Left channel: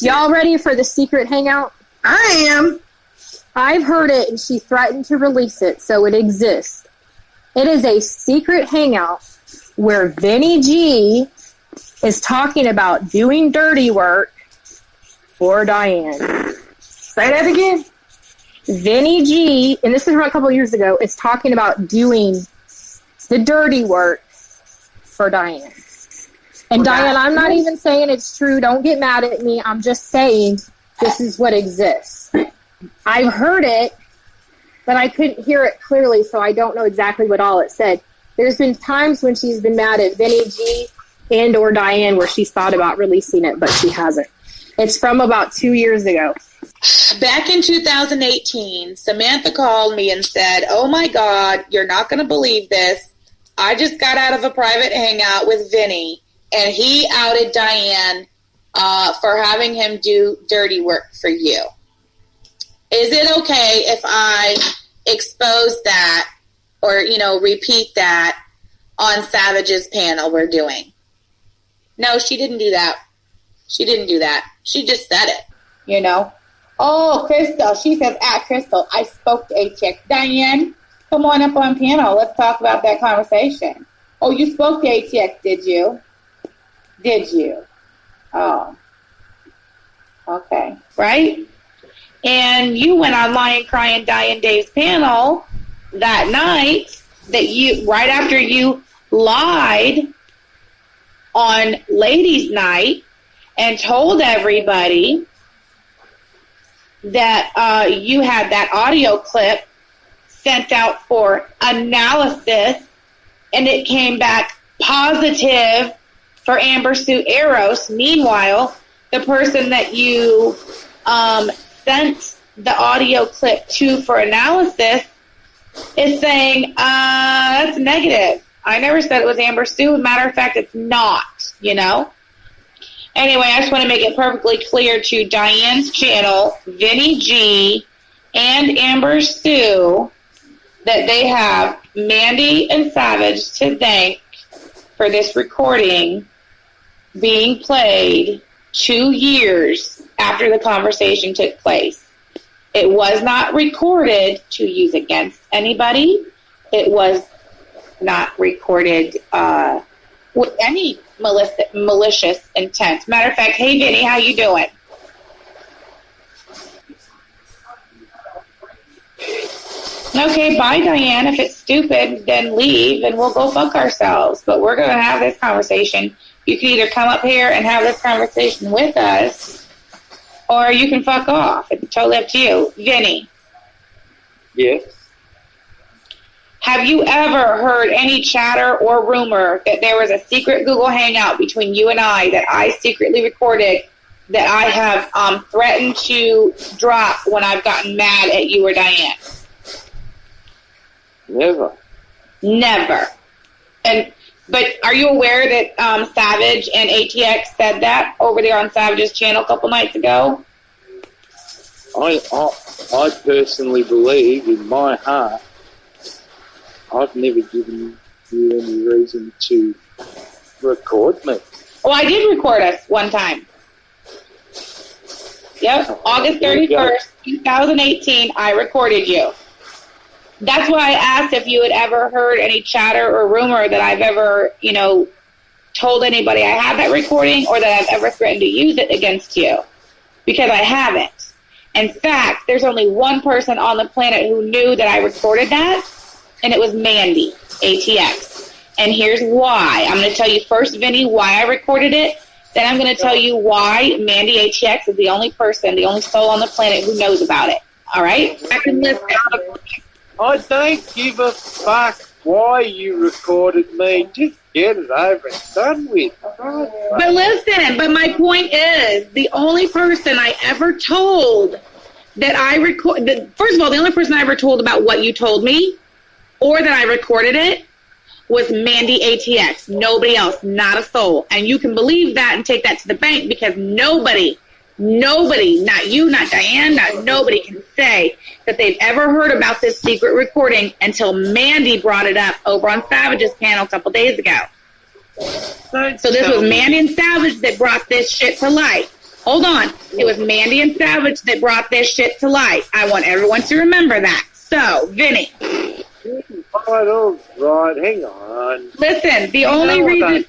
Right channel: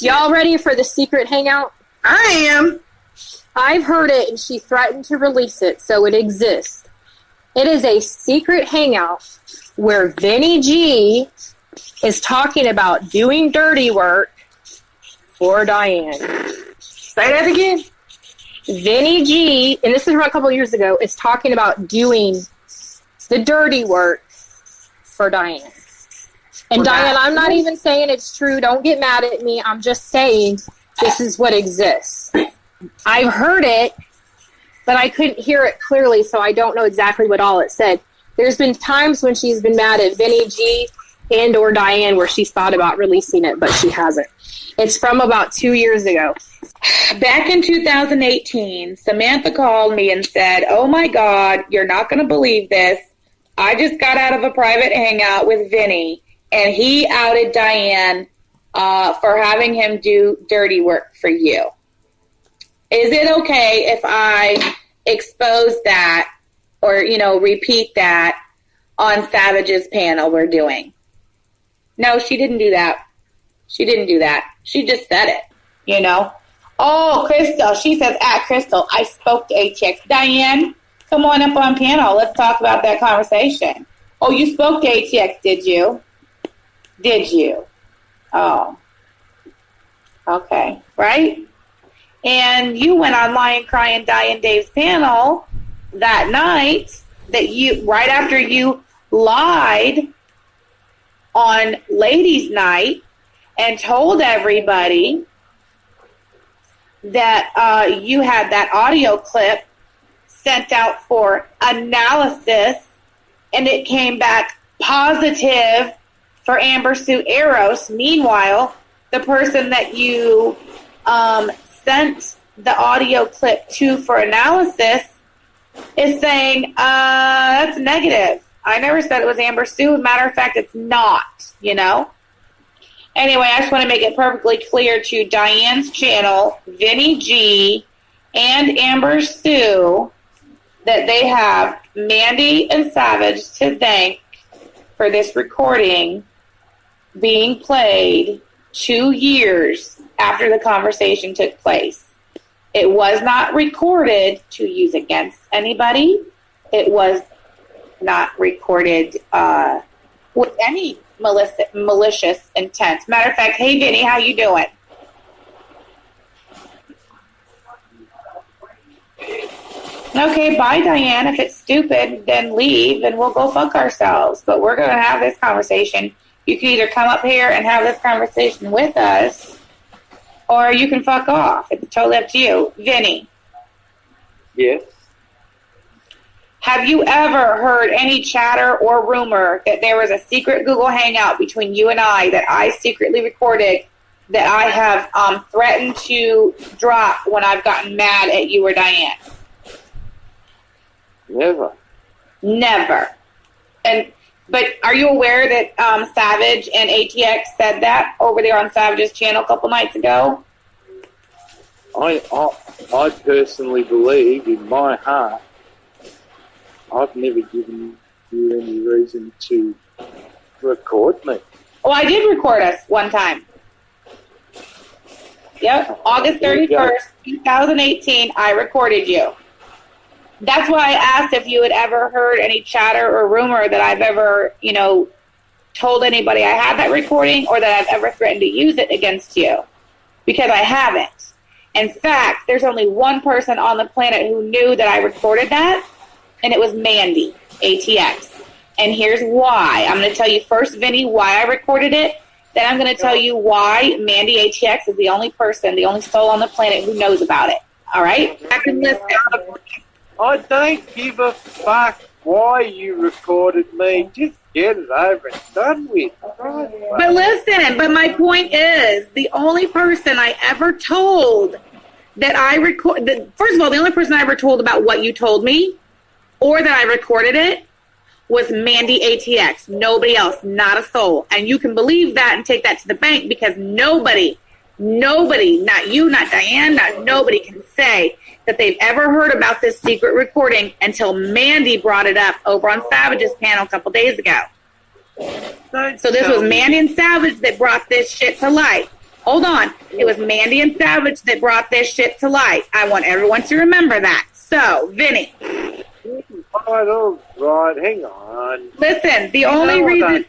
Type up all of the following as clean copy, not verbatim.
Y'all ready for the secret hangout? I am. I've heard it, and she threatened to release it, so it exists. It is a secret hangout where Vinny G is talking about doing dirty work for Diane. Say that again. Vinny G, and this is from a couple of years ago, is talking about doing the dirty work for Diane. And Diane, I'm not even saying it's true. Don't get mad at me. I'm just saying this is what exists. I've heard it, but I couldn't hear it clearly, so I don't know exactly what all it said. There's been times when she's been mad at Vinny G and or Diane where she's thought about releasing it, but she hasn't. It's from about 2 years ago. Back in 2018, Samantha called me and said, "Oh my God, you're not going to believe this. I just got out of a private hangout with Vinny, and he outed Diane for having him do dirty work for you. Is it okay if I expose that or, repeat that on Savage's panel we're doing?" No, she didn't do that. She didn't do that. She just said it, Oh, Crystal. She says, Crystal, I spoke to ATX. Diane, come on up on panel. Let's talk about that conversation. Oh, you spoke to ATX, did you? Did you? Oh. Okay. Right? And you went online crying Diane Dave's panel that night right after you lied on Ladies' Night and told everybody that you had that audio clip sent out for analysis, and it came back positive for Amber Sue Eros. Meanwhile, the person that you sent the audio clip to for analysis is saying, that's negative. I never said it was Amber Sue. Matter of fact, it's not, Anyway, I just want to make it perfectly clear to Diane's channel, Vinny G, and Amber Sue, that they have Mandy and Savage to thank for this recording being played 2 years after the conversation took place. It was not recorded to use against anybody. It was not recorded with any malicious intent. Matter of fact, hey, Vinny, how you doing? Okay, bye, Diane. If it's stupid, then leave, and we'll go fuck ourselves. But we're going to have this conversation. You can either come up here and have this conversation with us, or you can fuck off. It's totally up to you. Vinny. Yes. Have you ever heard any chatter or rumor that there was a secret Google Hangout between you and I that I secretly recorded that I have threatened to drop when I've gotten mad at you or Diane? Never. Never. But are you aware that Savage and ATX said that over there on Savage's channel a couple nights ago? I personally believe in my heart I've never given you any reason to record me. Oh, I did record us one time. Yep, August 31st, 2018, I recorded you. That's why I asked if you had ever heard any chatter or rumor that I've ever, told anybody I had that recording or that I've ever threatened to use it against you. Because I haven't. In fact, there's only one person on the planet who knew that I recorded that, and it was Mandy, ATX. And here's why. I'm going to tell you first, Vinny, why I recorded it. Then I'm going to tell you why Mandy ATX is the only person, the only soul on the planet who knows about it. All right? I can listen. I don't give a fuck why you recorded me. Just get it over and done with. But listen, my point is, the only person I ever told that I recorded, first of all, the only person I ever told about what you told me or that I recorded it was Mandy ATX. Nobody else, not a soul. And you can believe that and take that to the bank because nobody, not you, not Diane, nobody can say that they've ever heard about this secret recording until Mandy brought it up over on Savage's panel a couple days ago. So this was Mandy and Savage that brought this shit to light. Hold on. It was Mandy and Savage that brought this shit to light. I want everyone to remember that. So, Vinny. Right, hang on. Listen, the only reason...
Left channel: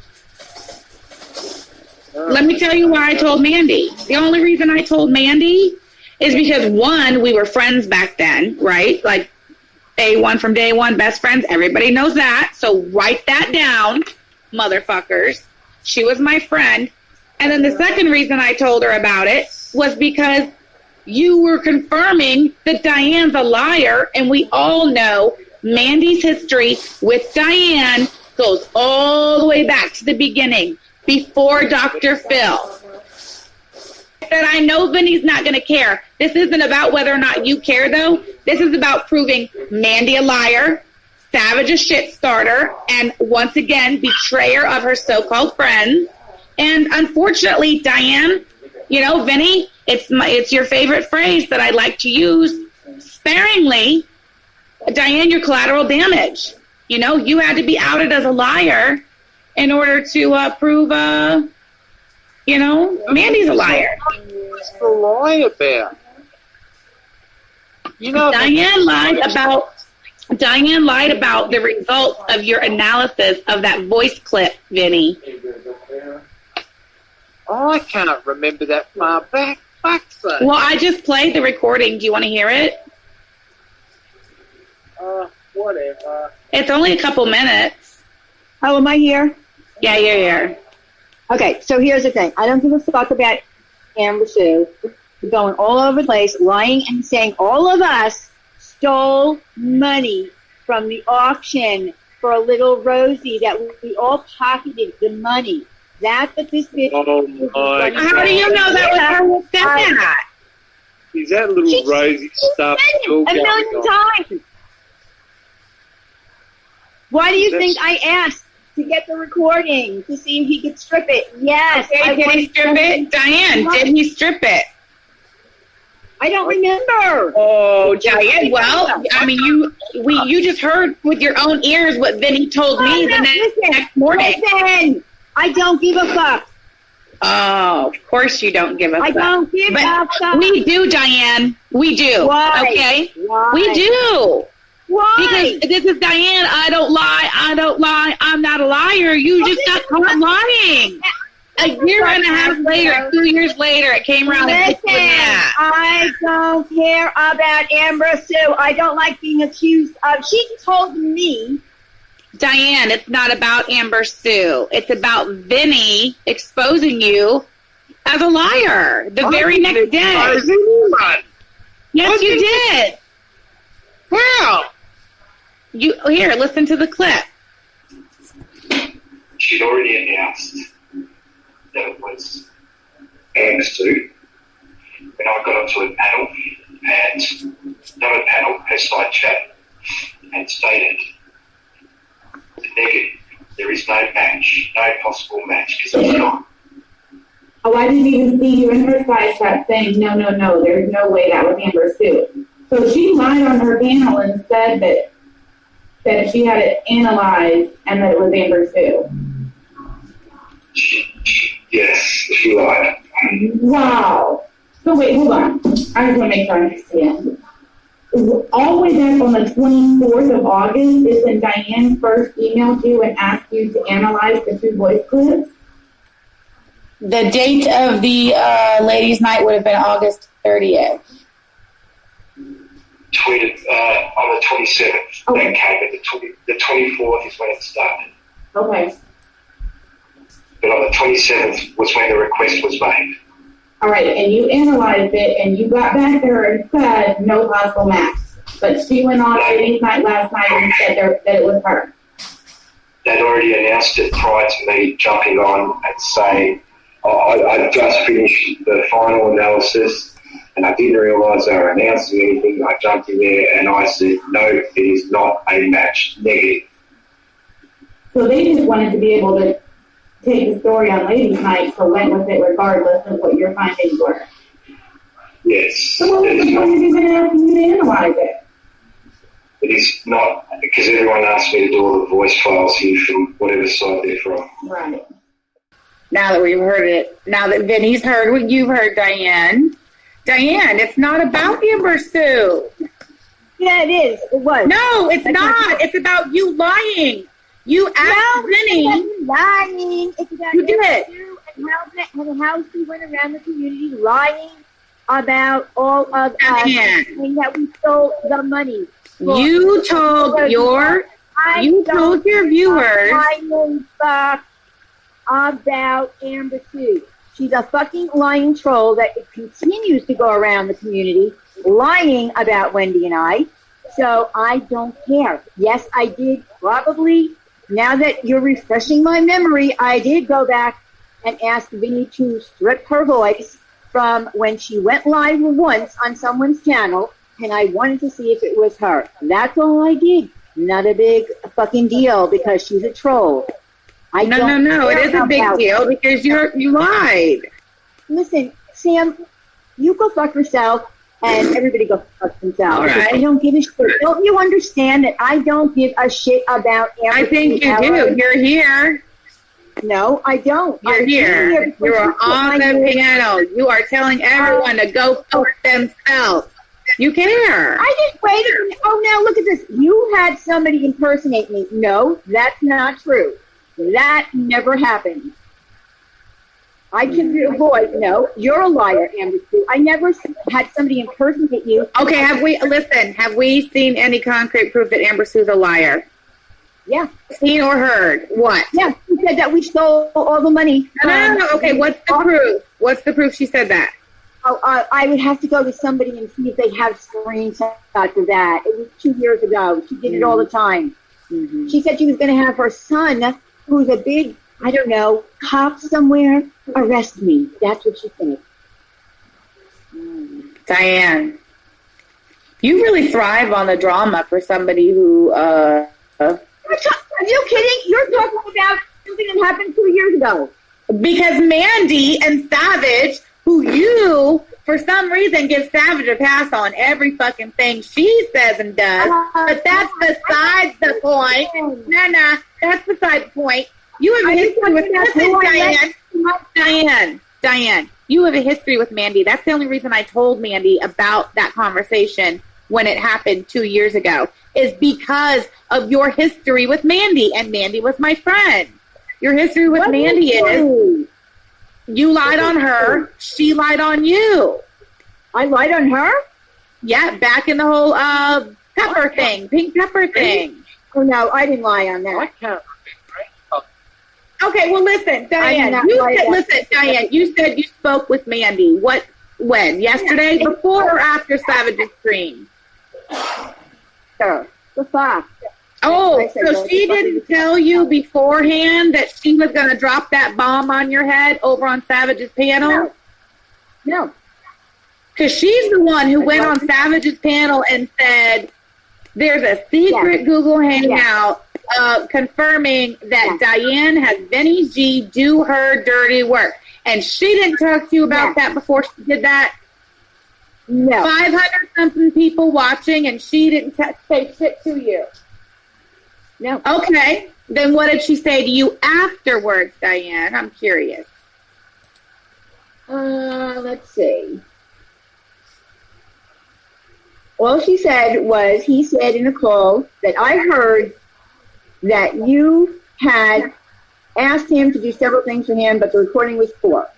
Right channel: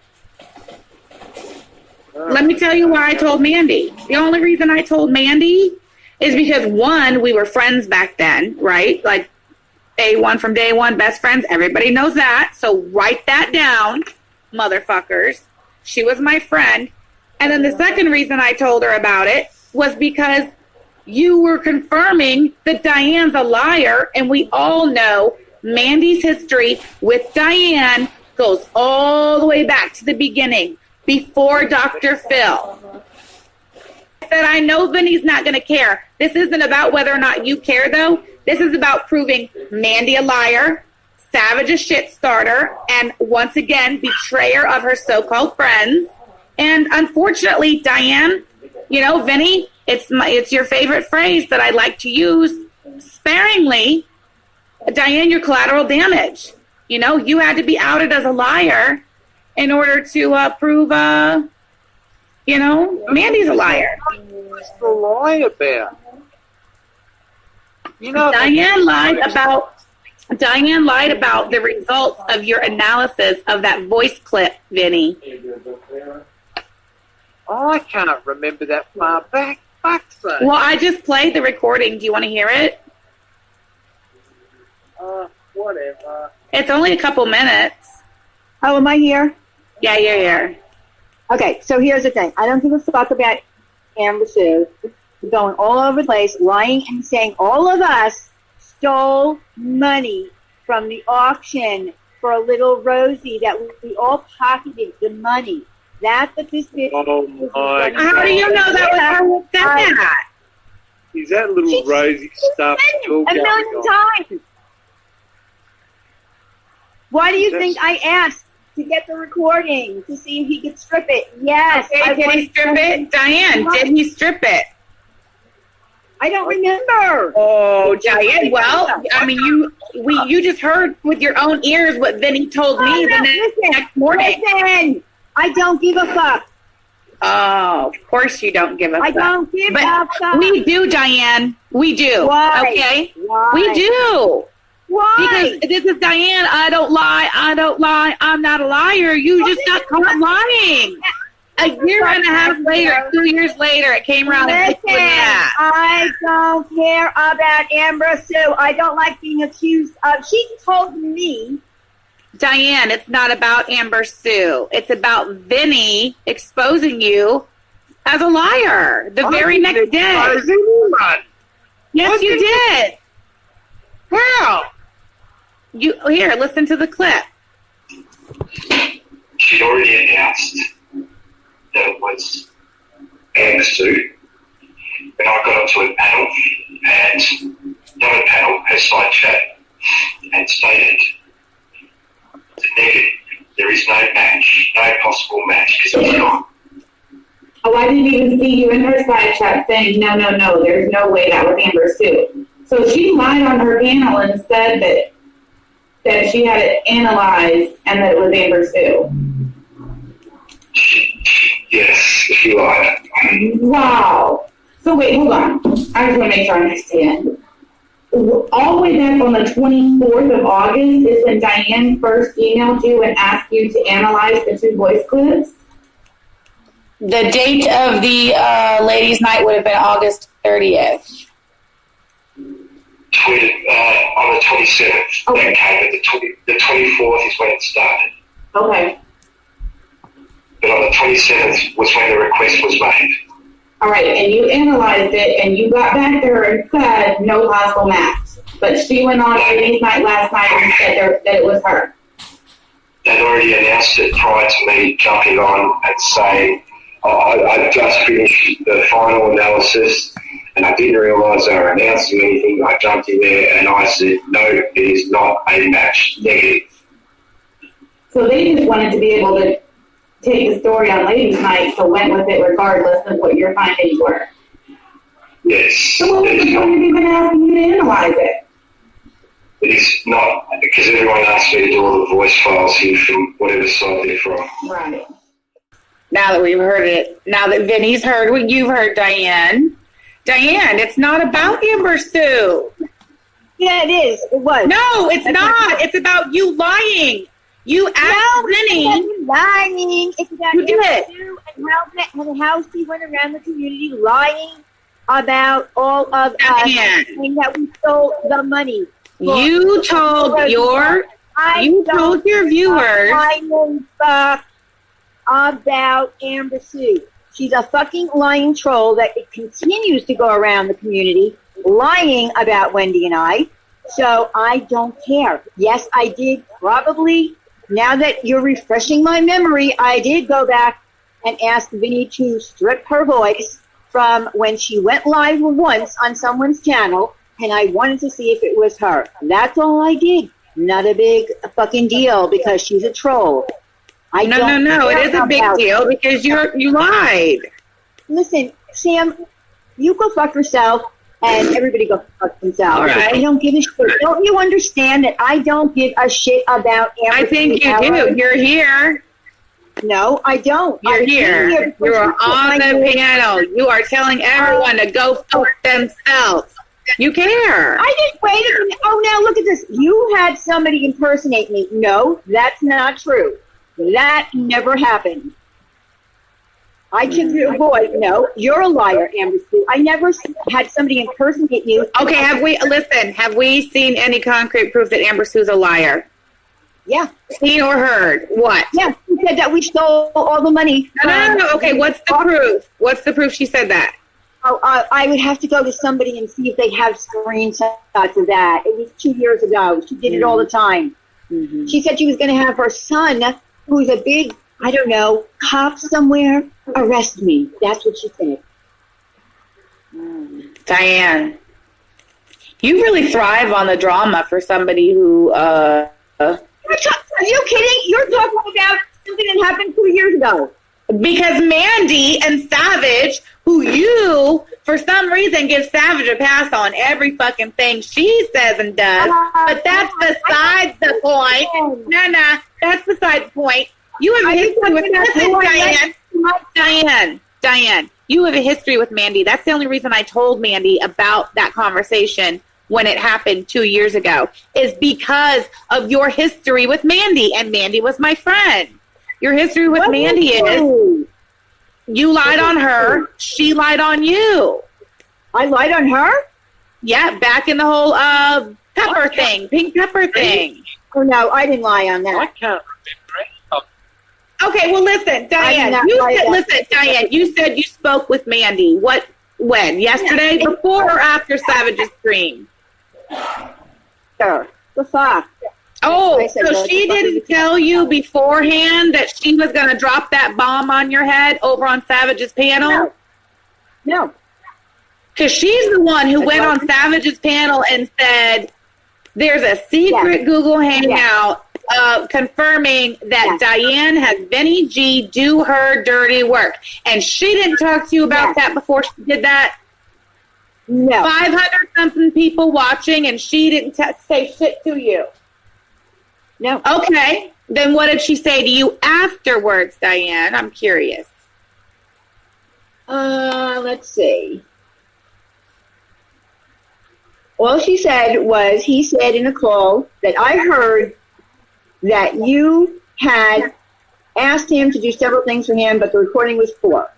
Let me tell you why I told Mandy. The only reason I told Mandy is because, one, we were friends back then, right? Like, A1 from day one, best friends. Everybody knows that. So write that down, motherfuckers. She was my friend. And then the second reason I told her about it was because you were confirming that Diane's a liar, and we all know Mandy's history with Diane goes all the way back to the beginning, before Dr. Phil. I said, I know Vinny's not going to care. This isn't about whether or not you care, though. This is about proving Mandy a liar, Savage a shit starter, and once again, betrayer of her so-called friends. And unfortunately, Diane, you know, Vinny, it's your favorite phrase that I like to use sparingly. Diane, you're collateral damage. You know, you had to be outed as a liar in order to prove, you know, Mandy's a liar. What's the lie about? You know, Diane lied about the results of your analysis of that voice clip, Vinny. I can't remember that far back. Fuck's sake. Well, I just played the recording. Do you want to hear it? Whatever. It's only a couple minutes. Oh, am I here? Yeah, you're here. Okay, so here's the thing. I don't give a fuck about Amber Sue going all over the place, lying and saying all of us stole money from the auction for a little Rosie, that we all pocketed the money. That's what this bitch is. How do you know that was her who said that? Is that little Rosie stuff still a going million on? times. Why do you think I asked to get the recording to see if he could strip it? Yes. Okay, did he strip it? Diane, did he strip it? I don't remember. Oh, Diane, well, I mean, you just heard with your own ears what Vinny told me the next morning. Listen, I don't give a fuck. Oh, of course you don't give a fuck. I don't give a fuck. We do, Diane. We do. Why? Okay? Why? We do. Why? Because this is Diane. I don't lie. I'm not a liar. You just got caught lying. A year and a half later, 2 years later, it came around and Listen, I don't care about Amber Sue. I don't like being accused of. She told me. Diane, it's not about Amber Sue. It's about Vinny exposing you as a liar the very next day. Yes, you did. Wow. Here, listen to the clip. She'd already announced that it was Amber Sue when I got onto a panel, and another panel, her side chat, and stated the negative. There is no match, no possible match. This is not. Oh, I didn't even see you in her side chat saying, no, there's no way that was Amber Sue. So she lied on her panel and said that she had it analyzed and that it was Amber Sue. Yes, she lied. Wow. So wait, hold on. I just want to make sure I understand. All the way back on the 24th of August is when Diane first emailed you and asked you to analyze the 2 voice clips? The date of the ladies' night would have been August 30th. Tweeted on the 27th. Okay. That came, but the 24th is when it started. Okay. But on the 27th was when the request was made. All right, and you analyzed it, and you got back to her and said no possible match. But she went on ladies' night last night and said that it was her. They'd already announced it prior to me jumping on and saying, I just finished the final analysis and I didn't realise they were announcing anything. I jumped in there and I said, no, it is not a match, negative. So they just wanted to be able to take the story on ladies' night, so went with it regardless of what your findings were. Yes. So what was the point of even asking you to analyze it? It is not, because everyone asked me to do all the voice files here from whatever side they're from. Right. Now that we've heard it, now that Vinny's heard what you've heard, Diane. Diane, it's not about Amber Sue. Yeah, it is. It was. No, it's not. It's about you lying. You asked Vinny. It's lying. It's about You did. Sue and how she went around the community lying about all of us and that we stole the money. You told your viewers about Amber Sue. She's a fucking lying troll that continues to go around the community lying about Wendy and I. So I don't care. Yes, I did probably, now that you're refreshing my memory, I did go back and ask Vinny to strip her voice from when she went live once on someone's channel, and I wanted to see if it was her. That's all I did. Not a big fucking deal because she's a troll. No. It is a big deal because you lied. Listen, Sam, you go fuck yourself, and everybody go fuck themselves. All right. I don't give a shit. Don't you understand that I don't give a shit about Amber? I think you do. You're here. No, I don't. You're here. You are on the panel. You are telling everyone to go fuck themselves. You care. I didn't wait a minute. Oh, now look at this. You had somebody impersonate me. No, that's not true. That never happened. I took your voice. No, you're a liar, Amber Sue. I never had somebody impersonate you. Okay, have we seen any concrete proof that Amber Sue's a liar? Yeah. Seen or heard? What? Yeah, she said that we stole all the money. No. Okay, what's the proof? What's the proof she said that? Oh, I would have to go to somebody and see if they have screenshots of that. It was 2 years ago. She did it all the time. Mm-hmm. She said she was going to have her son, who's a big, I don't know, cop somewhere, arrest me. That's what she said. Diane, you really thrive on the drama for somebody who, Are you kidding? You're talking about something that happened 2 years ago. Because Mandy and Savage, who you, for some reason, give Savage a pass on every fucking thing she says and does. But that's besides the point. No, that's beside the point. You have a history with Diane, you have a history with Mandy. That's the only reason I told Mandy about that conversation when it happened 2 years ago, is because of your history with Mandy. And Mandy was my friend. Your history with Mandy is you lied on her, she lied on you. I lied on her? Yeah, back in the whole pepper thing, pink pepper thing. Oh, no, I didn't lie on that. I can't remember. Okay, well, listen, Diane, Diane, you said you spoke with Mandy. When? Yesterday? Yeah. Before or after Savage's stream? Sure. The fuck? Oh, so she didn't tell you beforehand that she was going to drop that bomb on your head over on Savage's panel? No. Because she's the one who went on Savage's panel and said, there's a secret Google Hangout confirming that Diane has Benny G do her dirty work. And she didn't talk to you about that before she did that? No. 500-something people watching, and she didn't say shit to you? No. Okay. Then what did she say to you afterwards, Diane? I'm curious. Let's see. All she said was, he said in a call that I heard that you had asked him to do several things for him, but the recording was poor.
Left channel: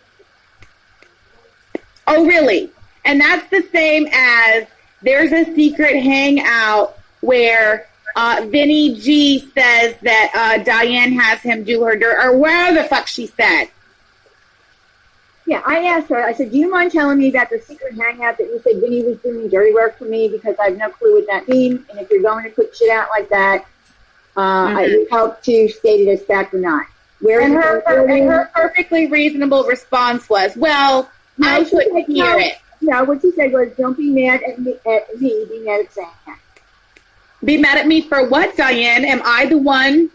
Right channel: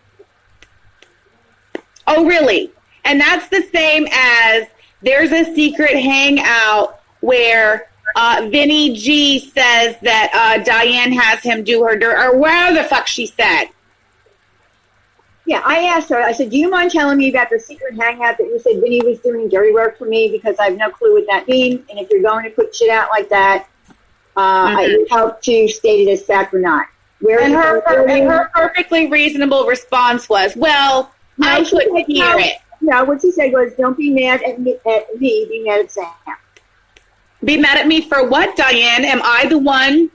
Oh, really? And that's the same as there's a secret hangout where Vinny G says that Diane has him do her dirt, or where the fuck she said. Yeah, I asked her, I said, do you mind telling me about the secret hangout that you said Vinny was doing dirty work for me, because I have no clue what that means, and if you're going to put shit out like that, I would help to state it as fact or not. And her perfectly reasonable response was, well, I couldn't hear it. Yeah, what she said was, don't be mad at me, be mad at Sam. Be mad at me for what, Diane? Am I the one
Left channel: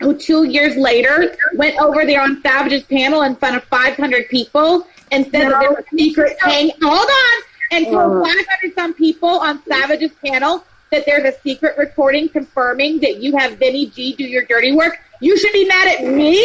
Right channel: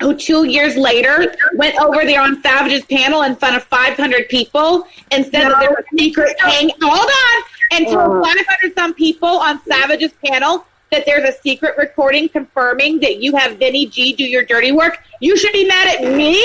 who 2 years later went over there on Savage's panel in front of 500 people and said that there was a secret hold on, and told 500-some people on Savage's panel that there's a secret recording confirming that you have Vinny G do your dirty work? You should be mad at me?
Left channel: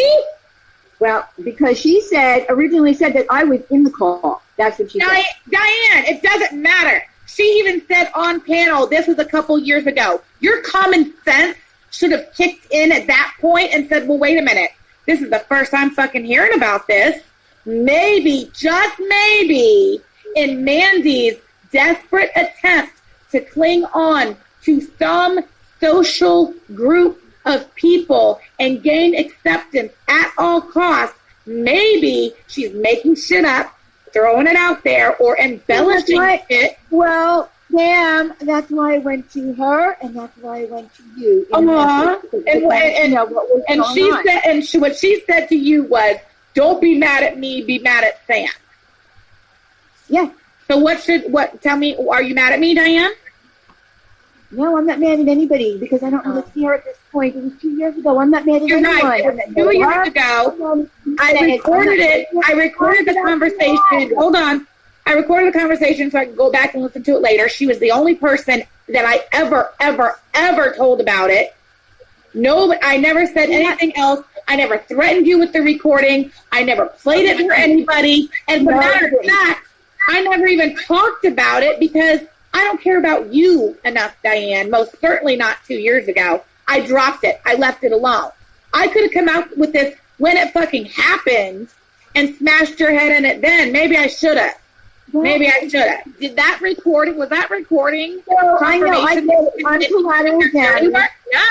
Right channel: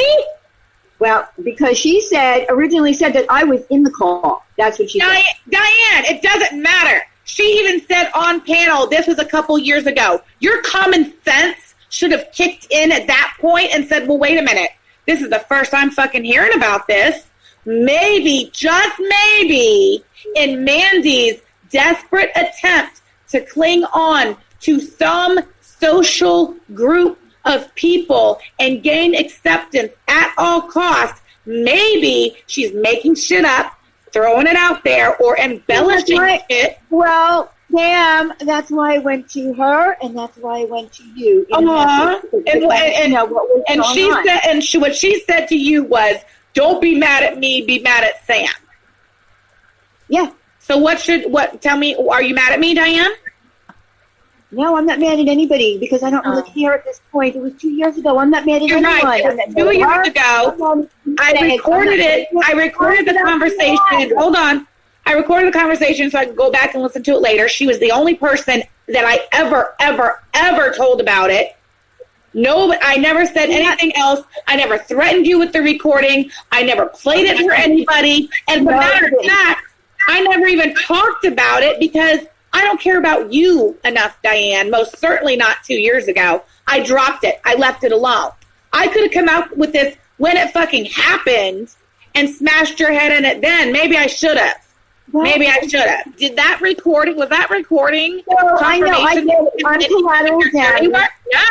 Well, because she originally said that I was in the call. That's what she said. Diane, it doesn't matter. She even said on panel, this was a couple years ago, your common sense should have kicked in at that point and said, well, wait a minute. This is the first I'm fucking hearing about this. Maybe, just maybe, in Mandy's desperate attempt to cling on to some social group of people and gain acceptance at all costs, maybe she's making shit up, throwing it out there, or embellishing it. Well, Pam, that's why I went to her, and that's why I went to you. What she said to you was, "Don't be mad at me, be mad at Sam." Yeah. So tell me, are you mad at me, Diane? No, I'm not mad at anybody because I don't really care at this point. It was 2 years ago. I'm not mad at anyone. Right. 2 years ago, I recorded it. I recorded the conversation. Hold on. I recorded the conversation so I could go back and listen to it later. She was the only person that I ever told about it. No, I never said anything else. I never threatened you with the recording. I never played it for anybody. And as a matter of fact, I never even talked about it because I don't care about you enough, Diane. Most certainly not 2 years ago. I dropped it. I left it alone. I could have come out with this when it fucking happened and smashed your head in it then. Maybe I should have. Maybe I should have. Was that recording? No, I know. I did it. I'm collateral damage. No,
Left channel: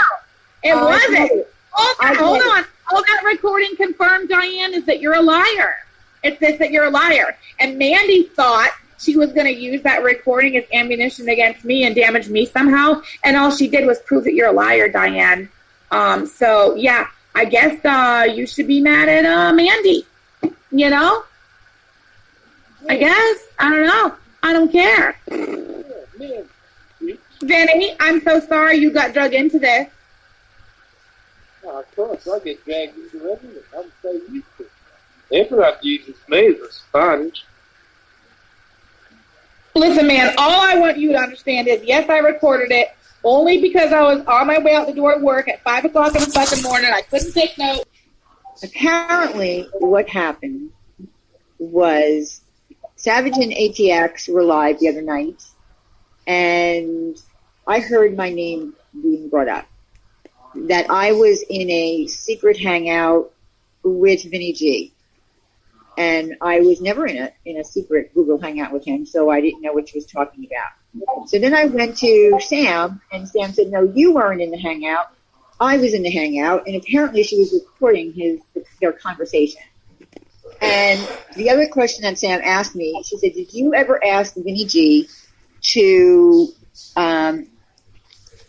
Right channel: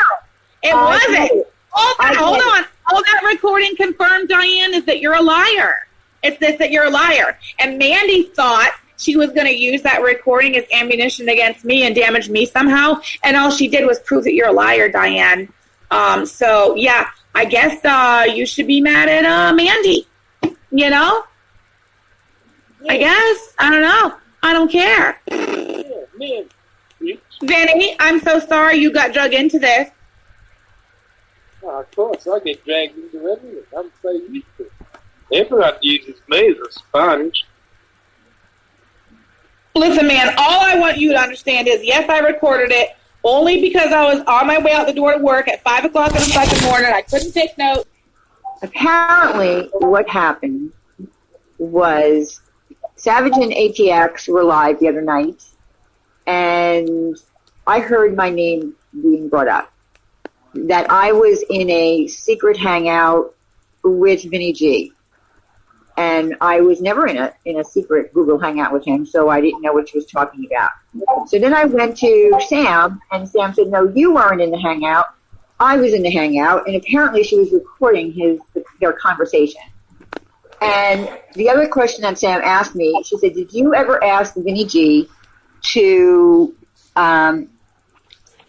it wasn't. Hold on. All that recording confirmed, Diane, is that you're a liar. It's this, that you're a liar. And Mandy thought she was going to use that recording as ammunition against me and damage me somehow. And all she did was prove that you're a liar, Diane. So, yeah, I guess you should be mad at Mandy. You know? I guess. I don't know. I don't care. Vinny, I'm so sorry you got drug into this. Oh, of course, I get dragged into everything. I'm so used to it. Everyone uses me as a sponge. Listen, man, all I want you to understand is, yes, I recorded it only because I was on my way out the door to work at 5 o'clock in the fucking morning. I couldn't take notes. Apparently, what happened was Savage and ATX were live the other night, and I heard my name being brought up. That I was in a secret hangout with Vinny G. And I was never in a secret Google hangout with him, so I didn't know what she was talking about. So then I went to Sam, and Sam said, no, you weren't in the hangout. I was in the hangout, and apparently she was recording their conversation. And the other question that Sam asked me, she said, did you ever ask Vinny G to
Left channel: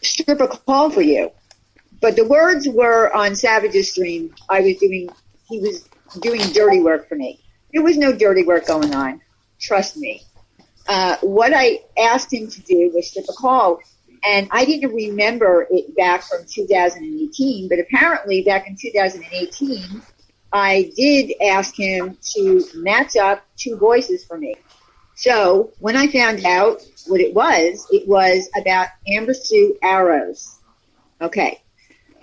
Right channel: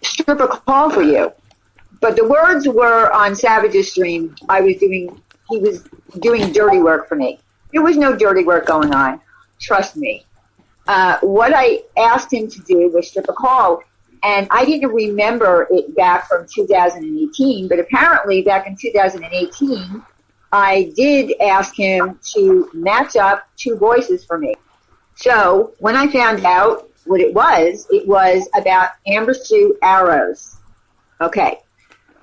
strip a call for you? But the words were on Savage's stream, he was doing dirty work for me. There was no dirty work going on. Trust me. What I asked him to do was strip a call, and I didn't remember it back from 2018, but apparently back in 2018, I did ask him to match up two voices for me. So when I found out what it was about Amber Sue Arrows. Okay.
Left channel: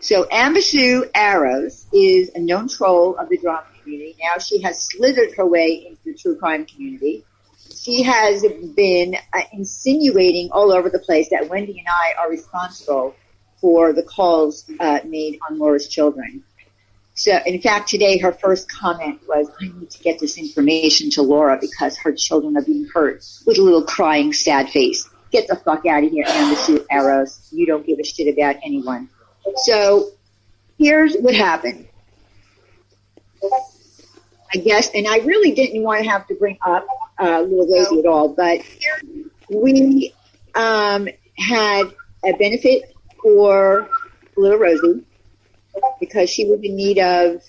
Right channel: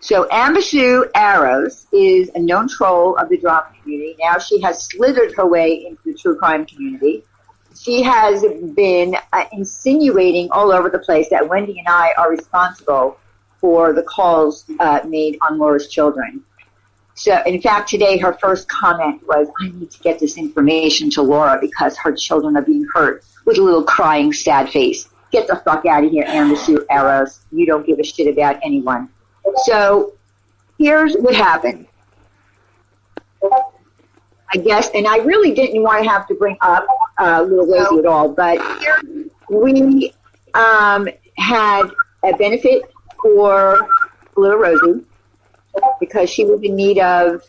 So Amber Sue Arrows is a known troll of the drama community. Now she has slithered her way into the true crime community. She has been insinuating all over the place that Wendy and I are responsible for the calls made on Laura's children. So, in fact, today her first comment was, I need to get this information to Laura because her children are being hurt, with a little crying, sad face. Get the fuck out of here, Amber Sue Arrows. You don't give a shit about anyone. So here's what happened. I guess, and I really didn't want to have to bring up Little Rosie at all, but we had a benefit for Little Rosie because she was in need of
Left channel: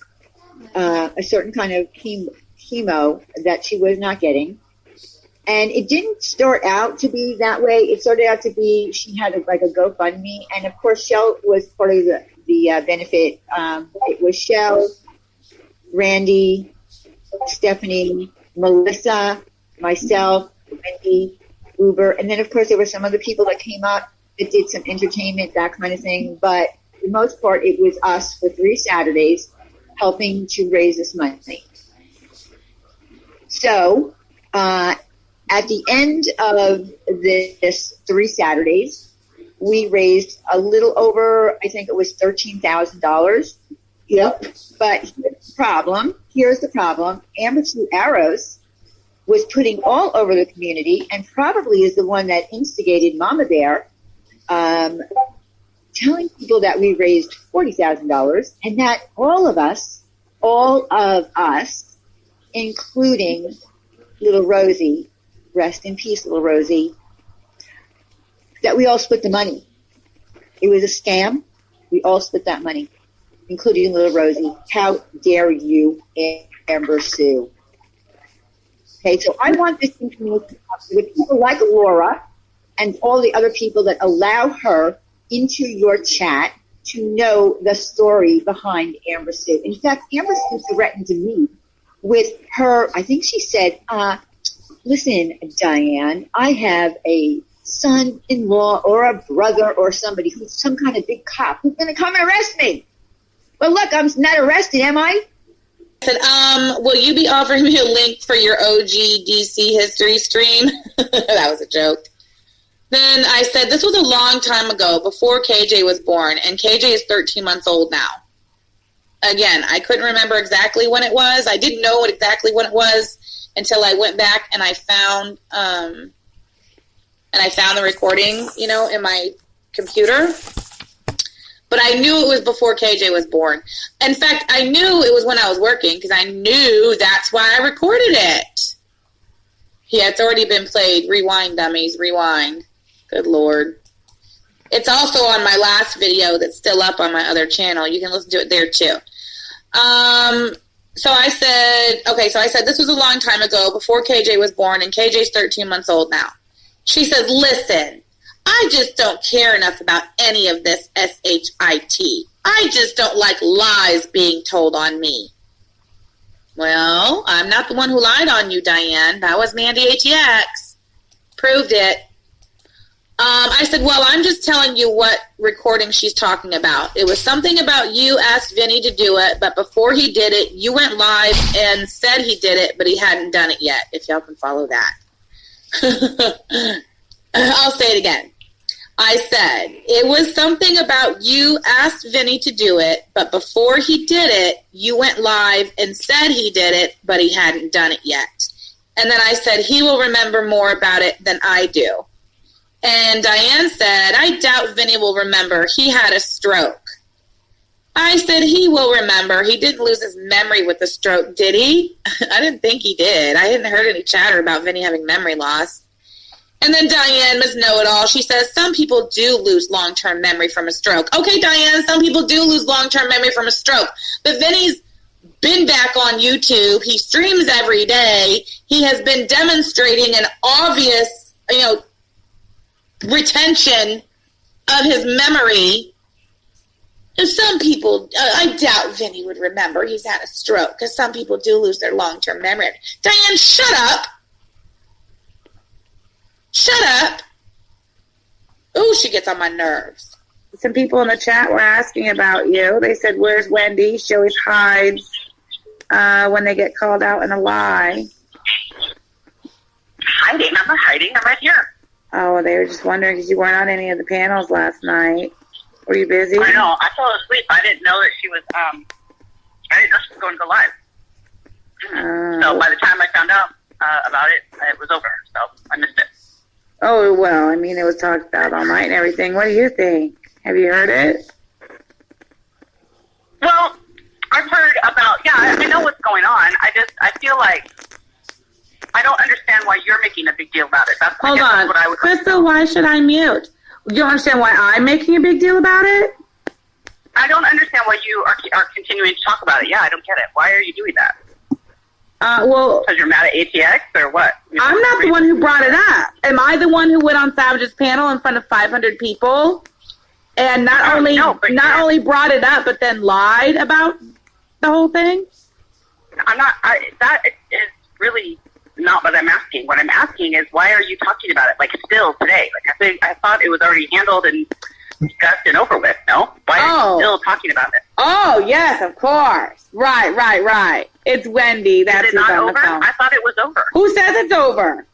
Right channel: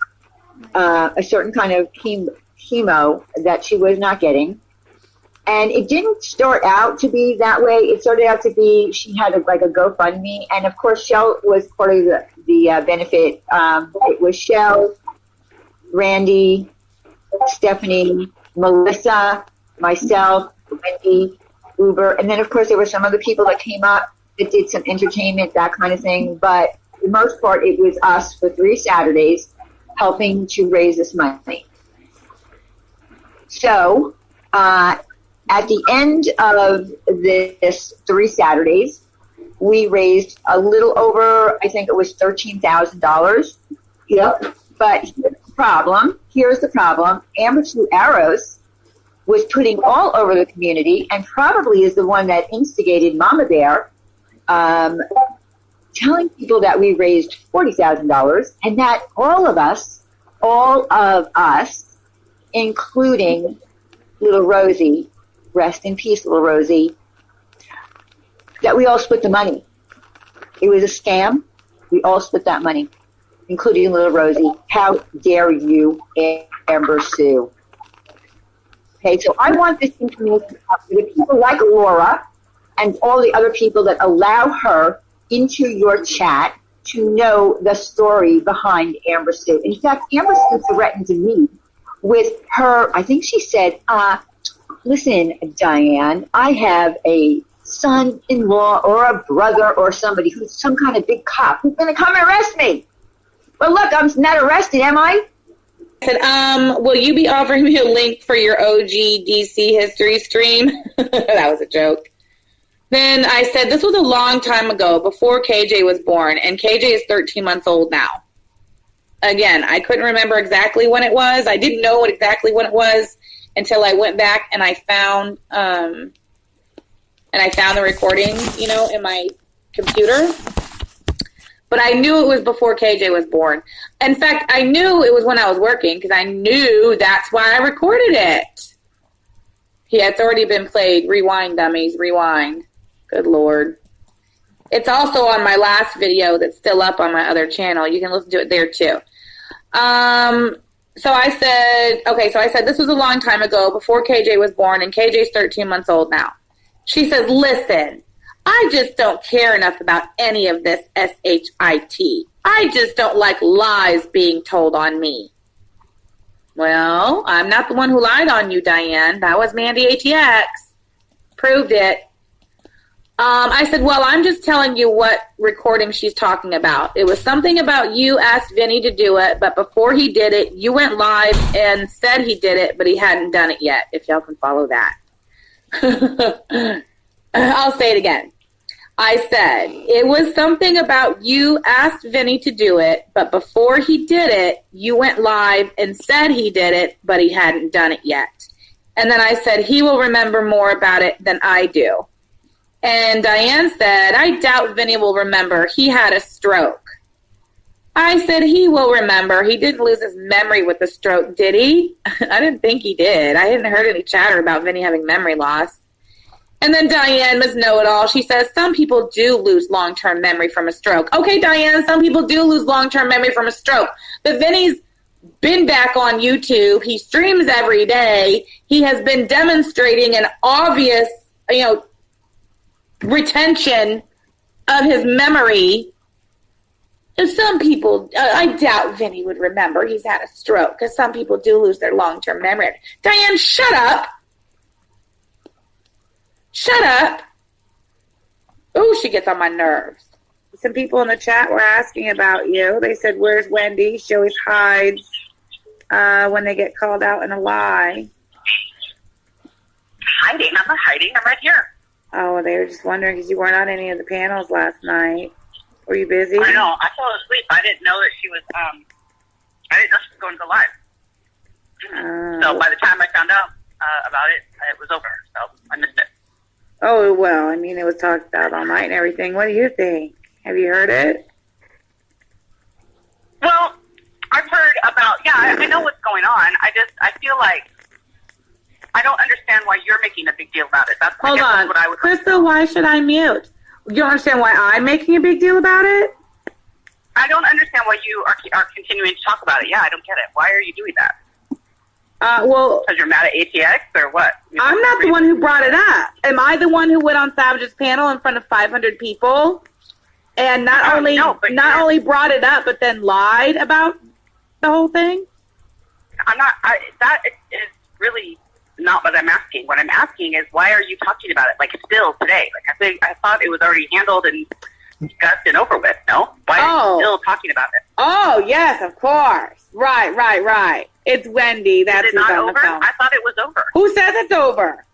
a certain kind of chemo that she was not getting. And it didn't start out to be that way. It started out to be, she had a GoFundMe. And of course, Shell was part of the benefit. It was Shell, Randy, Stephanie, Melissa, myself, Wendy, Uber. And then of course, there were some other people that came up that did some entertainment, that kind of thing. But for the most part, it was us for 3 Saturdays. helping to raise this money. So at the end of this 3 Saturdays, we raised a little over, I think it was $13,000. Yep. But here's the problem. Amber Sue Arrows was putting all over the community and probably is the one that instigated Mama Bear, telling people that we raised $40,000 and that all of us, including little Rosie, rest in peace, little Rosie, that we all split the money. It was a scam. We all split that money, including little Rosie. How dare you, Amber Sue? Okay, so I want this information out with people like Laura and all the other people that allow her into your chat to know the story behind Amber Sue. In fact, Amber Sue threatened me with her, I think she said, listen, Diane, I have a son-in-law or a brother or somebody who's some kind of big cop who's going to come and arrest me. Well, look, I'm not arrested, am I? I said, will you be offering me a link for your OG DC history stream? That was a joke. Then I said, this was a long time ago, before KJ was born, and KJ is 13 months old now. Again, I couldn't remember exactly when it was. I didn't know exactly when it was until I went back and I found the recording, in my computer. But I knew it was before KJ was born. In fact, I knew it was when I was working because I knew that's why I recorded it. Yeah, it's already been played. Rewind, dummies, rewind. Good Lord. It's also on my last video that's still up on my other channel. You can listen to it there too. So I said, this was a long time ago before KJ was born, and KJ's 13 months old now. She says, listen, I just don't care enough about any of this shit. I just don't like lies being told on me. Well, I'm not the one who lied on you, Diane. That was Mandy ATX. Proved it. I said, well, I'm just telling you what recording she's talking about. It was something about you asked Vinny to do it, but before he did it, you went live and said he did it, but he hadn't done it yet, if y'all can follow that. I'll say it again. I said, it was something about you asked Vinny to do it, but before he did it, you went live and said he did it, but he hadn't done it yet. And then I said, he will remember more about it than I do. And Diane said, I doubt Vinny will remember. He had a stroke. I said, he will remember. He didn't lose his memory with the stroke, did he? I didn't think he did. I hadn't heard any chatter about Vinny having memory loss. And then Diane must know it all. She says, some people do lose long-term memory from a stroke. Okay, Diane, some people do lose long-term memory from a stroke. But Vinny's been back on YouTube. He streams every day. He has been demonstrating an obvious, retention of his memory. And some people, I doubt Vinny would remember he's had a stroke because some people do lose their long-term memory. Diane, shut up. Shut up. Ooh, she gets on my nerves. Some people in the chat were asking about you. They said, where's Wendy? She always hides when they get called out in a lie. Hiding? I'm not hiding. I'm right here. Oh, they were just wondering because you weren't on any of the panels last night. Were you busy? I know. I fell asleep. I didn't know that she was, I didn't know she was going to go live. So by the time I found out about it, it was over. So I missed it. Oh, well, I mean, it was talked about all night and everything. What do you think? Have you heard it? Well, I've heard about, I know what's going on. I feel like I don't understand why you're making a big deal about it. Hold on. What I would Crystal, why should I mute? You don't understand why I'm making a big deal about it? I don't understand why you are continuing to talk about it. Yeah, I don't get it. Why are you doing that? Well, because you're mad at ATX or what? I'm not the one who brought it up. Am I the one who went on Savage's panel in front of 500 people and not only brought it up but then lied about the whole thing? I'm not. That is really not what I'm asking. What I'm asking is why are you talking about it like still today? Like I thought it was already handled and discussed and over with, no? Why are you still talking about it? Oh, yes, of course. Right. It's Wendy. That's Is it who's not on over? the phone. I thought it was over. Who says it's over?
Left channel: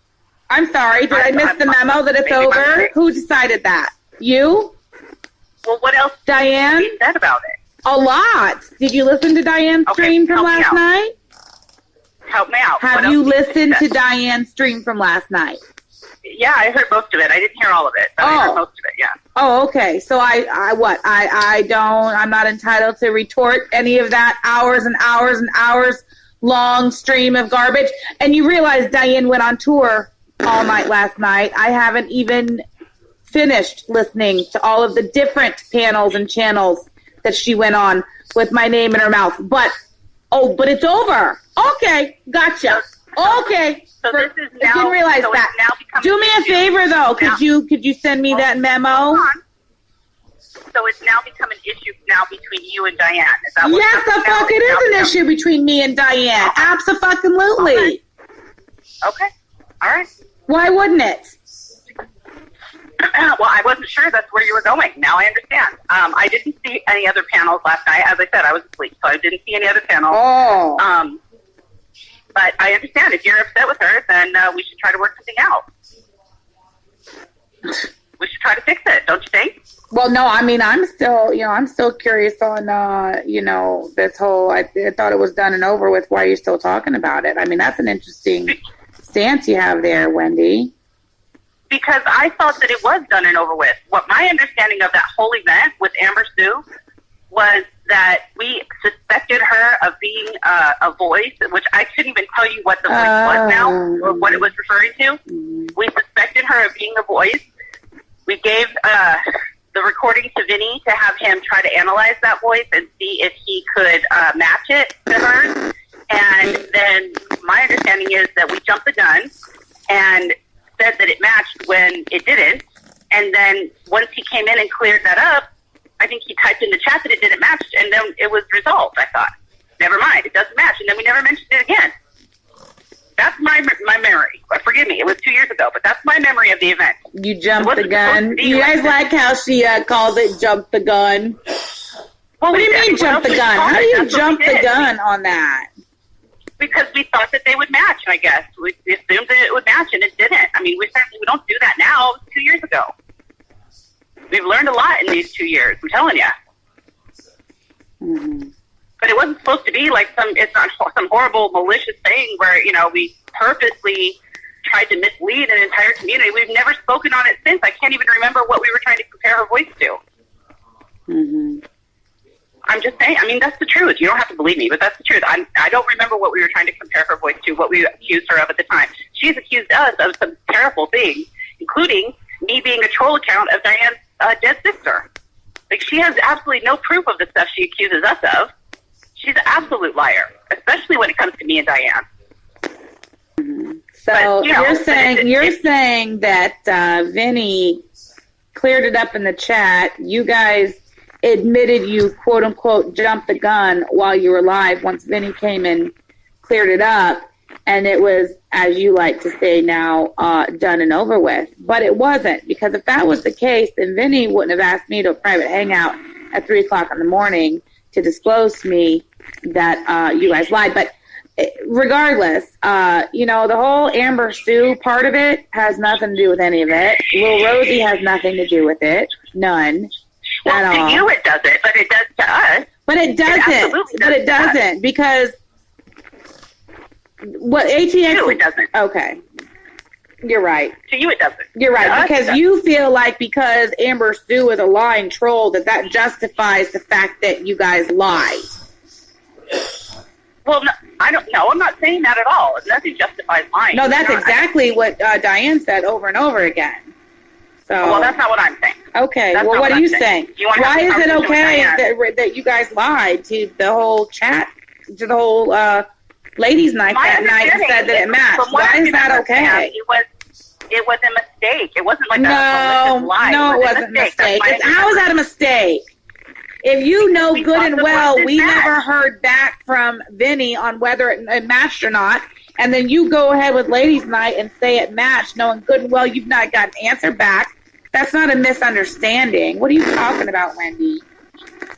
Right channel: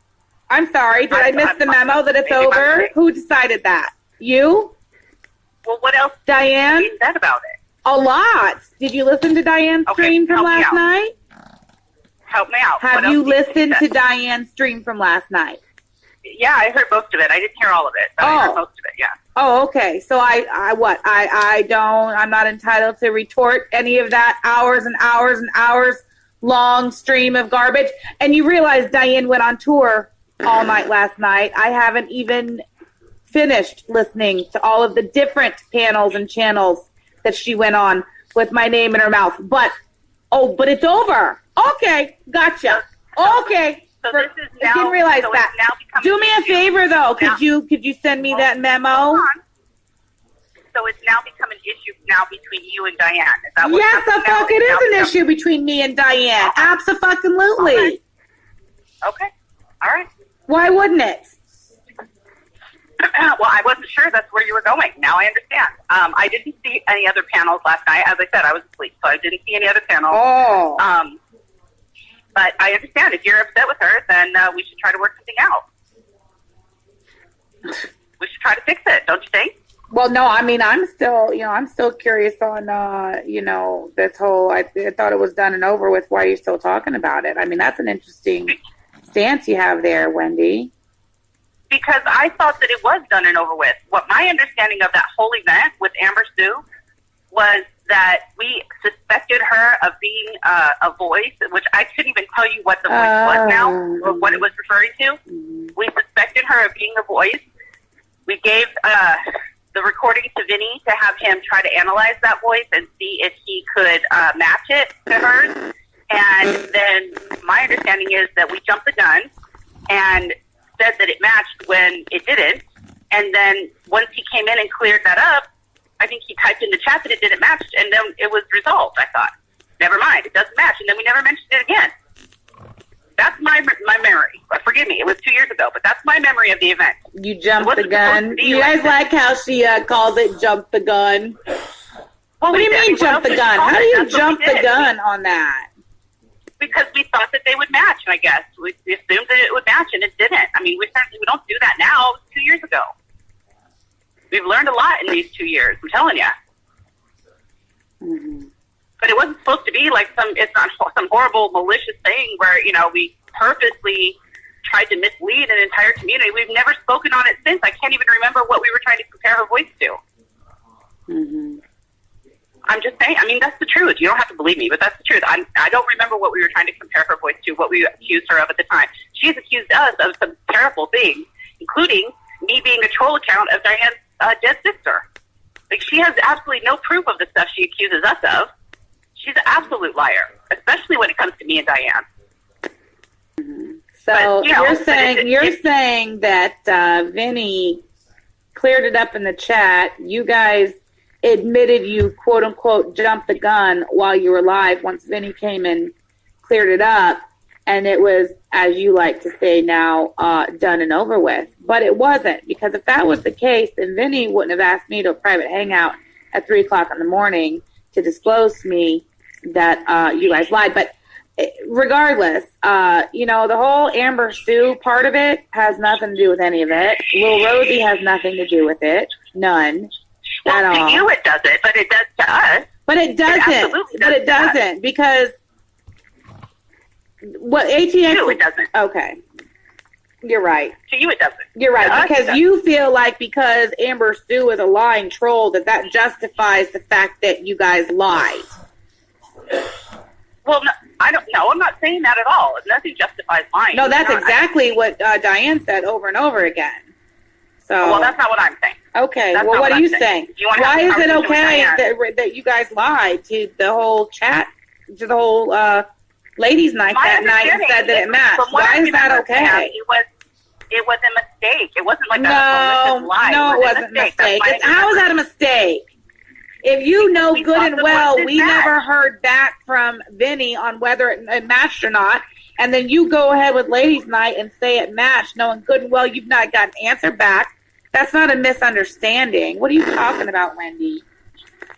I'm sorry. Did I miss the memo that it's over? Who decided that? You? Well, what else Diane? you said about it? A lot. Did you listen to Diane's stream from last night? Help me out. Have you listened to Diane's stream from last night? Yeah, I heard most of it. I didn't hear all of it, but I heard most of it, yeah. Oh, okay. So I'm not entitled to retort any of that hours and hours and hours long stream of garbage. And you realize Diane went on tour all night last night. I haven't even finished listening to all of the different panels and channels that she went on with my name in her mouth. But it's over. Okay, gotcha. Okay. So this is now, I didn't realize that. Do me a favor, though. Could you send me that memo? So it's now become an issue now between you and Diane. Is that yes, the fuck it is an issue between me and Diane. Okay. Absolutely. Okay. All right. Why wouldn't it? Well, I wasn't sure that's where you were going. Now I understand. I didn't see any other panels last night. As I said, I was asleep, so I didn't see any other panels. Oh. But I understand. If you're upset with her, then we should try to work something out. We should try to fix it, don't you think? Well, no, I mean, I'm still curious on, this whole, I thought it was done and over with. Why are you still talking about it? I mean, that's an interesting stance you have there, Wendy. Because I thought that it was done and over with. What my understanding of that whole event with Amber Sue was that we suspected her of being a voice, which I couldn't even tell you what the voice was now, or what it was referring to. We suspected her of being a voice. We gave the recording to Vinny to have him try to analyze that voice and see if he could match it to hers. And then my understanding is that we jumped the gun and said that it matched when it didn't. And then once he came in and cleared that up, I think he typed in the chat that it didn't match, and then it was resolved. I thought, never mind, it doesn't match, and then we never mentioned it again. That's my memory. Forgive me, it was 2 years ago, but that's my memory of the event. You jumped the gun. You guys like how she calls it jump the gun? Well, what do you mean jump the gun? How do you jump the gun on that? Because we thought that they would match, I guess. We assumed that it would match, and it didn't. I mean, we don't do that now. It was 2 years ago. We've learned a lot in these 2 years, I'm telling you. Mm-hmm. But it wasn't supposed to be like it's not some horrible, malicious thing where, we purposely tried to mislead an entire community. We've never spoken on it since. I can't even remember what we were trying to compare her voice to. Mm-hmm. I'm just saying, I mean, that's the truth. You don't have to believe me, but that's the truth. I don't remember what we were trying to compare her voice to, what we accused her of at the time. She's accused us of some terrible things, including me being a troll account of Diane's dead sister. Like, she has absolutely no proof of the stuff she accuses us of. She's an absolute liar, especially when it comes to me and Diane. Mm-hmm. So but, you're saying that Vinny cleared it up in the chat. You guys admitted you quote unquote jumped the gun while you were live once Vinny came and cleared it up, and it was, as you like to say now, done and over with. But it wasn't, because if that was the case, then Vinny wouldn't have asked me to a private hangout at 3 o'clock in the morning to disclose to me that you guys lied. But regardless, the whole Amber Sue part of it has nothing to do with any of it. Lil Rosie has nothing to do with it. None. Well, to you it doesn't, but it does to us. But it doesn't. Because what ATX... To you it doesn't. Okay. You're right. To you it doesn't. You're right, because you feel like because Amber Sue is a lying troll that justifies the fact that you guys lied. Well, no, I don't know. I'm not saying that at all. Nothing justifies lying. No, that's exactly what Diane said over and over again. So, well, that's not what I'm saying. Okay. That's well, what are you saying? Why is it okay that you guys lied to the whole chat, to the whole ladies' night that night and said that it matched? Why is that okay? It was a mistake. It wasn't like a malicious lie. No, it wasn't a mistake. How is that a mistake? If you know good and well, we never heard back from Vinny on whether it matched or not, and then you go ahead with ladies' night and say it matched, knowing good and well you've not got an answer back That's not a misunderstanding. What are you talking about, Wendy?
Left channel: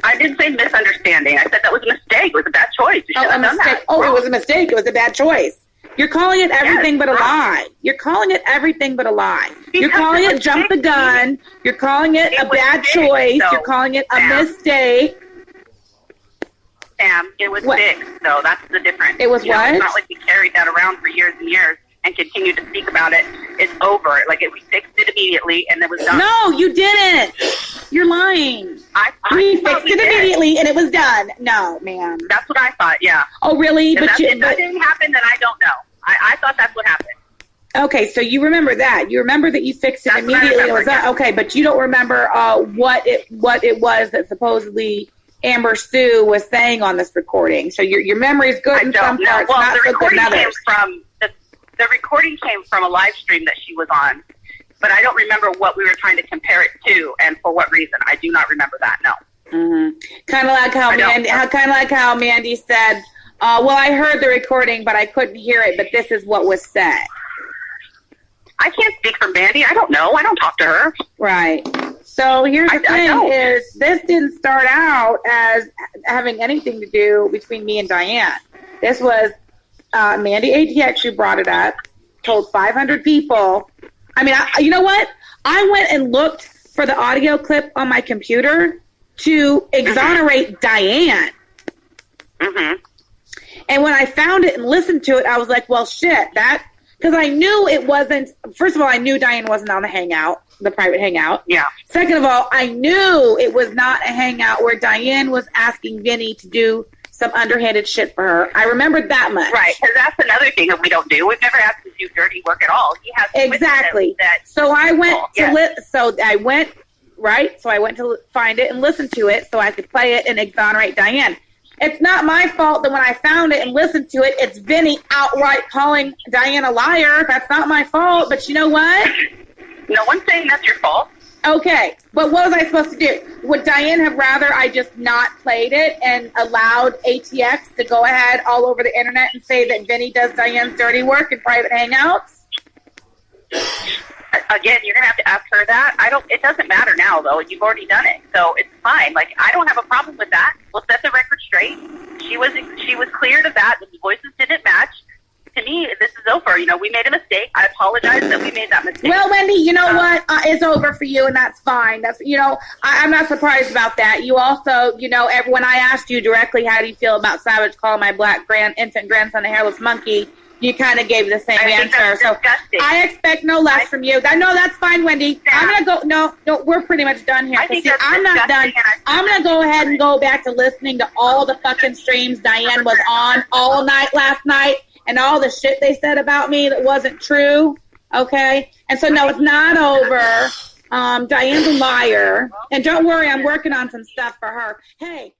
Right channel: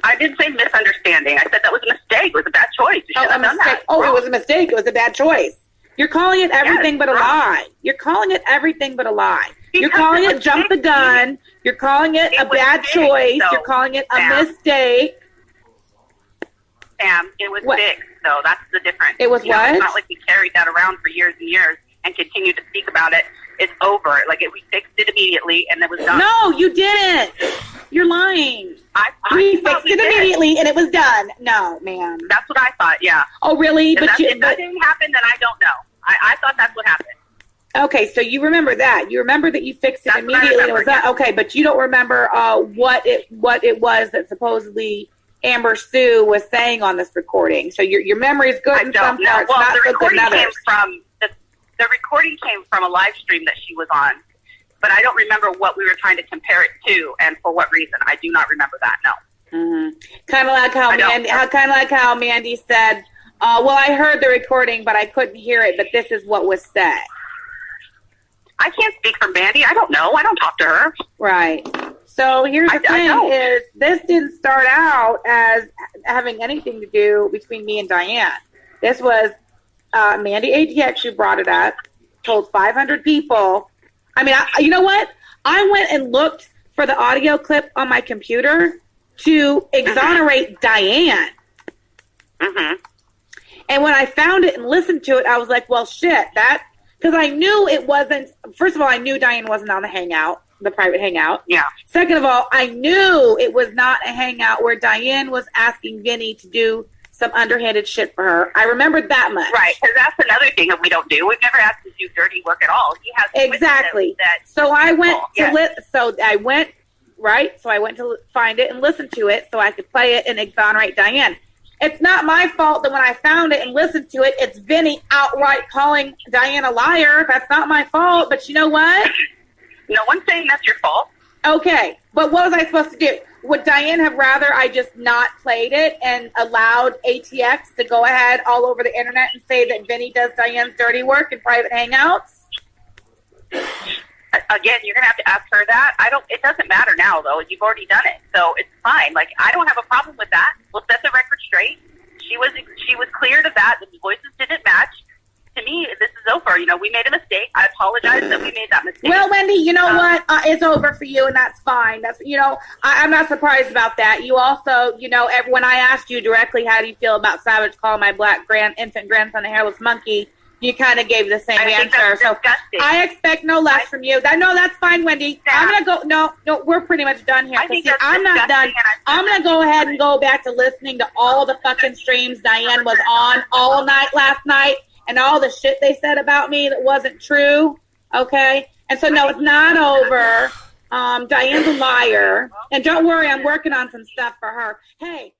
I didn't say misunderstanding. I said that was a mistake. It was a bad choice. You shouldn't have done that. Oh, it was a mistake. It was a bad choice. You're calling it everything but a lie. You're calling it everything but a lie. You're calling it jump the gun. You're calling it a bad choice. You're calling it a mistake. Sam, it was fixed, though. That's the difference. It was what? It's not like we carried that around for years and years and continued to speak about it. It's over. Like, we fixed it immediately, and it was done. No, you didn't. You're lying. We fixed it immediately, and it was done. No, man. That's what I thought, yeah. Oh, really? If that didn't happen, then I don't know. I thought that's what happened. Okay, so you remember that. You remember that you fixed it immediately. It was done. Okay, but you don't remember what it was that supposedly Amber Sue was saying on this recording. So your memory is good in some parts, not so good in others. The recording came from a live stream that she was on, but I don't remember what we were trying to compare it to and for what reason. I do not remember that. No. Mm-hmm. Kind of like how Mandy said, "Well, I heard the recording, but I couldn't hear it. But this is what was said." I can't speak for Mandy. I don't know. I don't talk to her. Right. So here's the thing: is this didn't start out as having anything to do between me and Diane. This was Mandy ATX who brought it up, told 500 people. I mean, you know what? I went and looked for the audio clip on my computer to exonerate Diane. Mm-hmm. And when I found it and listened to it, I was like, well, shit, because I knew it wasn't, first of all, I knew Diane wasn't on the hangout, the private hangout. Yeah. Second of all, I knew it was not a hangout where Diane was asking Vinny to do some underhanded shit for her. I remembered that much. Right, because that's another thing that we don't do. We've never asked him to do dirty work at all. He has exactly. So I went I went to find it and listen to it so I could play it and exonerate Diane. It's not my fault that when I found it and listened to it, it's Vinny outright calling Diane a liar. That's not my fault. But you know what? No one's saying that's your fault. Okay, but what was I supposed to do? Would Diane have rather I just not played it and allowed ATX to go ahead all over the internet and say that Vinny does Diane's dirty work in private hangouts? Again, you're gonna have to ask her that. It doesn't matter now, though. You've already done it, so it's fine. Like, I don't have a problem with that. We'll set the record straight. She was clear to that. The voices didn't match. To me, this is over. You know, we made a mistake. I apologize that we made that mistake. Well, Wendy, you know what? It's over for you, and that's fine. That's, I'm not surprised about that. You also, when I asked you directly, how do you feel about Savage calling my black infant grandson a hairless monkey, you kind of gave the same answer. So I expect no less from you. No, that's fine, Wendy. I'm going to go. No, we're pretty much done here. I'm not done. I'm going to go ahead and go back to listening to all the fucking streams Diane was on all night last night. And all the shit they said about me that wasn't true, okay? And so, no, it's not over. Diane's a liar. And don't worry, I'm working on some stuff for her. Hey,